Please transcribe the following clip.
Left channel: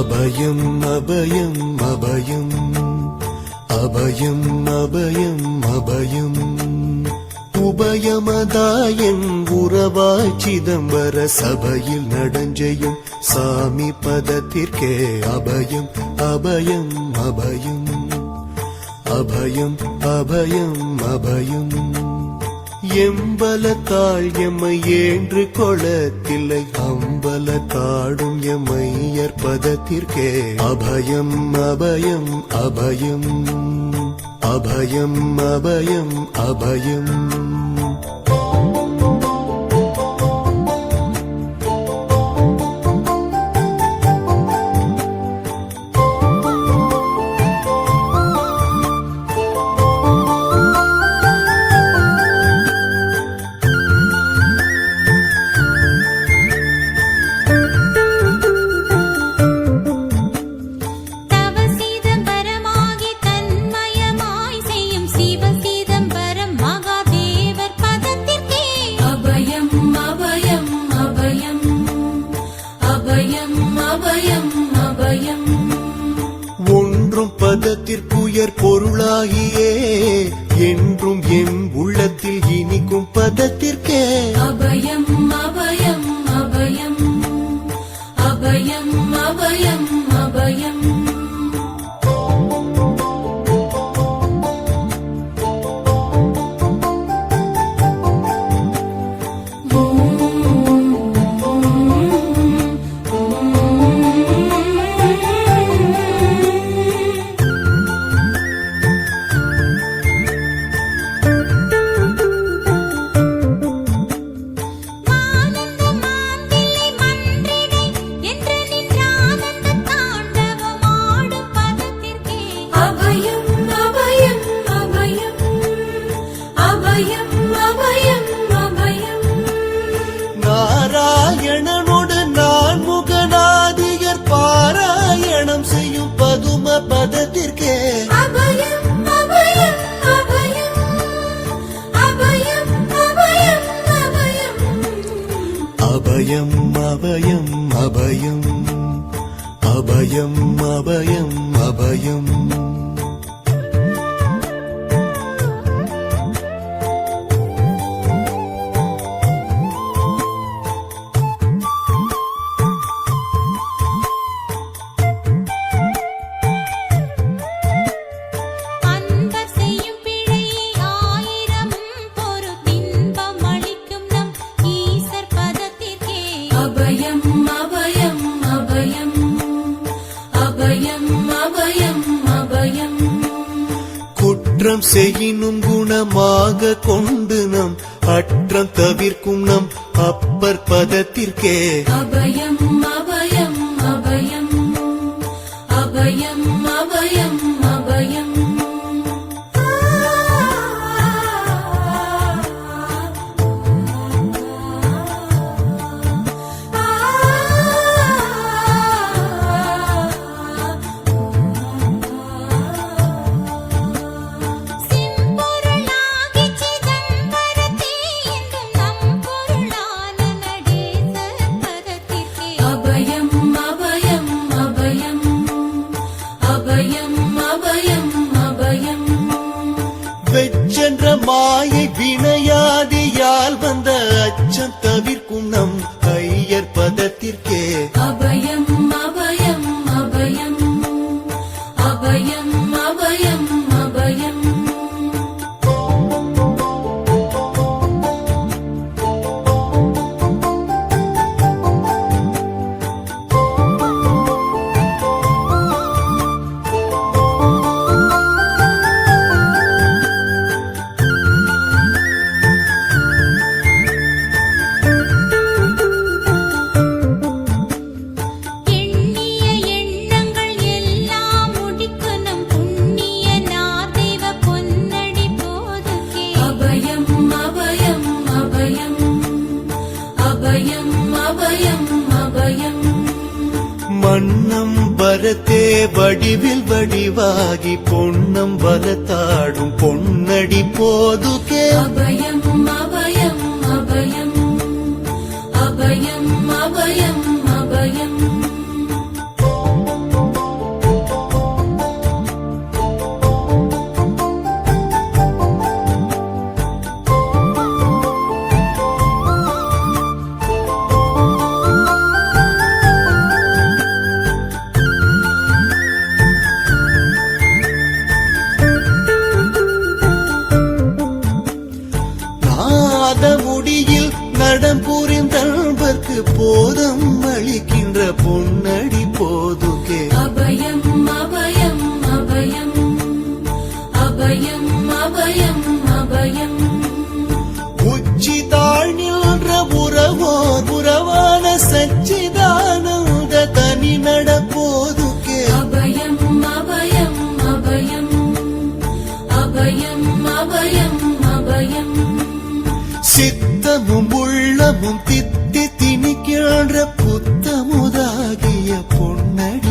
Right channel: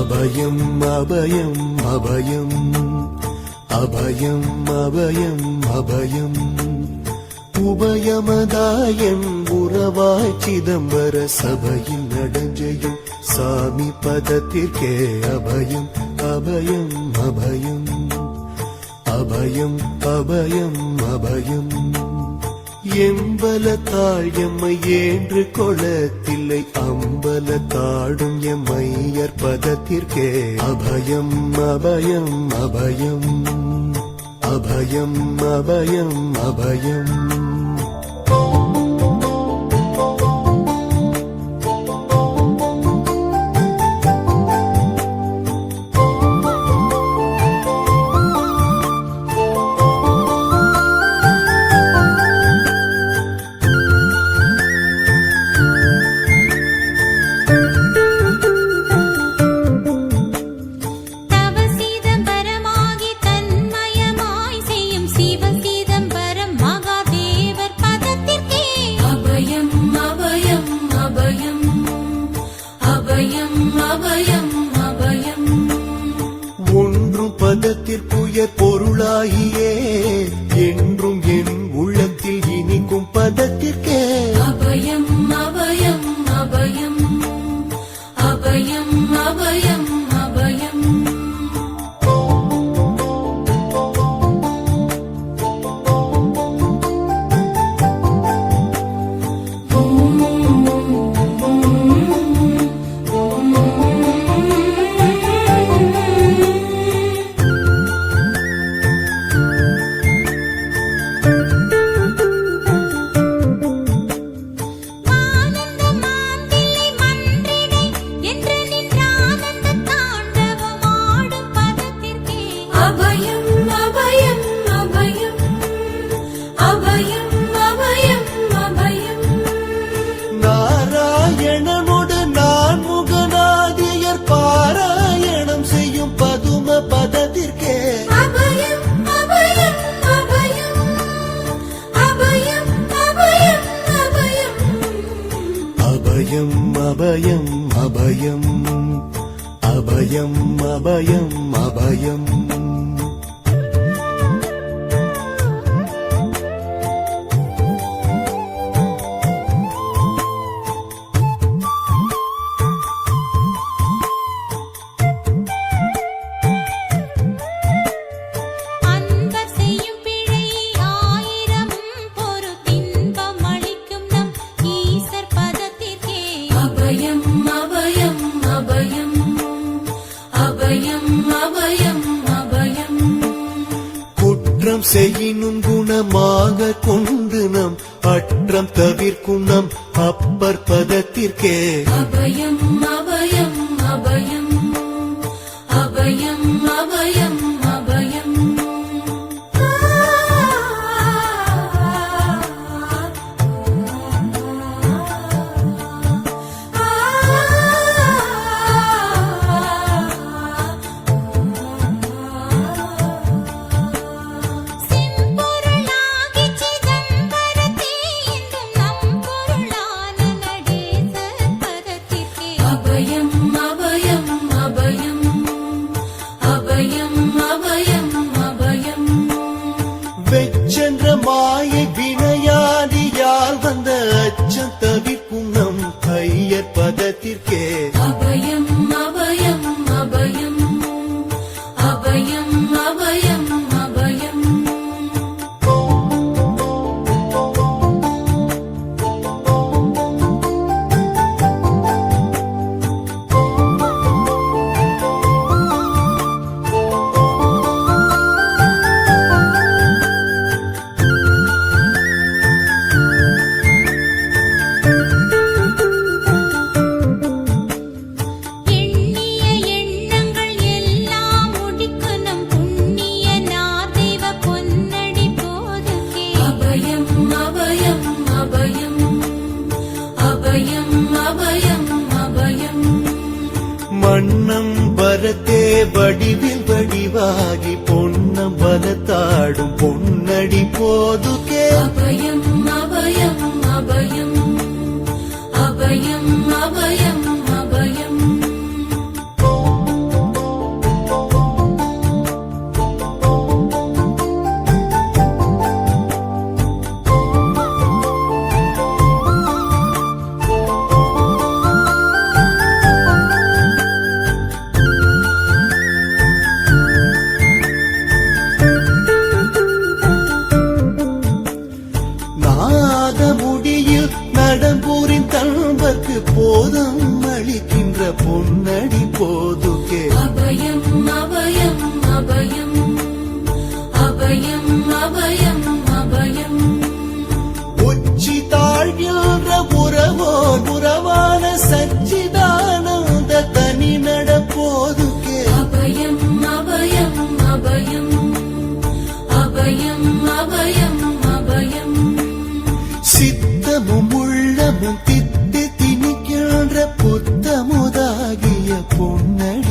அபயம் அபயம் அபயம் அபயம் அபயம் அபயம் உபயமதாயம் உறவாய் சிதம்பர சபையில் நடஞ்செய்யும் சாமி பதத்திற்கே அபயம் அபயம் அபயம் அபயம் அபயம் அபயம் எம்பலத்தாள் எம்மை ஏன்று கொளத்தில்லை அம்பலத்தாடும் எம்மையர் பதத்திற்கே அபயம் அபயம் அபயம் அபயம் அபயம் அபயம் ஒன்றும் பதத்திற்குயர் பொருளாகியே என்றும் என் உள்ளத்தில் இனிக்கும் பதத்திற்கே அபயம் அபயம் அபயம் அபயம் அபயம் அபயம் நாராயணனுடன் நான் முகநாதியர் பாராயணம் செய்யும் பதும பதத்திற்கே அபயம் அபயம் அபயம் அபயம் அபயம் அபயம் அபயம் அபயம் அபயம் அபயம் அபயம் அபயம் குற்றம் செய்யினும் குணமாக கொண்டு நம் அற்றம் தவிர்க்கும் நம் அப்பர் பதத்திற்கே அபயம் அபயம் அபயம் அபயம் அபயம் அபயம் வெச்சென்ற மாயை வினையாடியால் வந்த அச்சம் தவிர்க்கும் நம் ஐயர் பதத்திற்கே அபயம் அபயம் அபயம் அபயம் அபயம் அபயம் மன்னம் வரத்தே வடிவில் வடிவாகி பொன்னம் வரத்தாடும் பொன்னடி போதுகே அபயம் அபயம் அபயம் அபயம் அபயம் அபயம் நாத முடியில் நடம் புரிந்தல்வர்க்கு போதம் அளிக்கின்ற பொன்னடி போதுகே அபயம் அபயம் அபயம் அபயம் அபயம் அபயம் உச்சி தாழ்நின்ற உறவோர் உறவான சச்சிதானந்த தனி நடப்போதுகே அபயம் அபயம் அபயம் அபயம் அபயம் அபயம் சித்தமும் உள்ளமும் தித்தி திணிக்கின்ற புத்தமுதாகிய பொன்னடி